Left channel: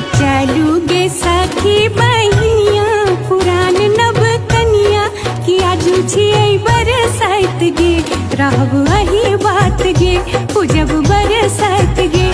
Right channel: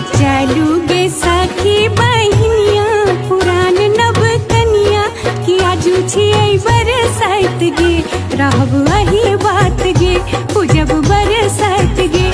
चालू गे सखी बहिनिया पुरान नब कनिया कि आजू छियै बरसाइत गे रहब अही बात गे पूजब बरसाइत गे।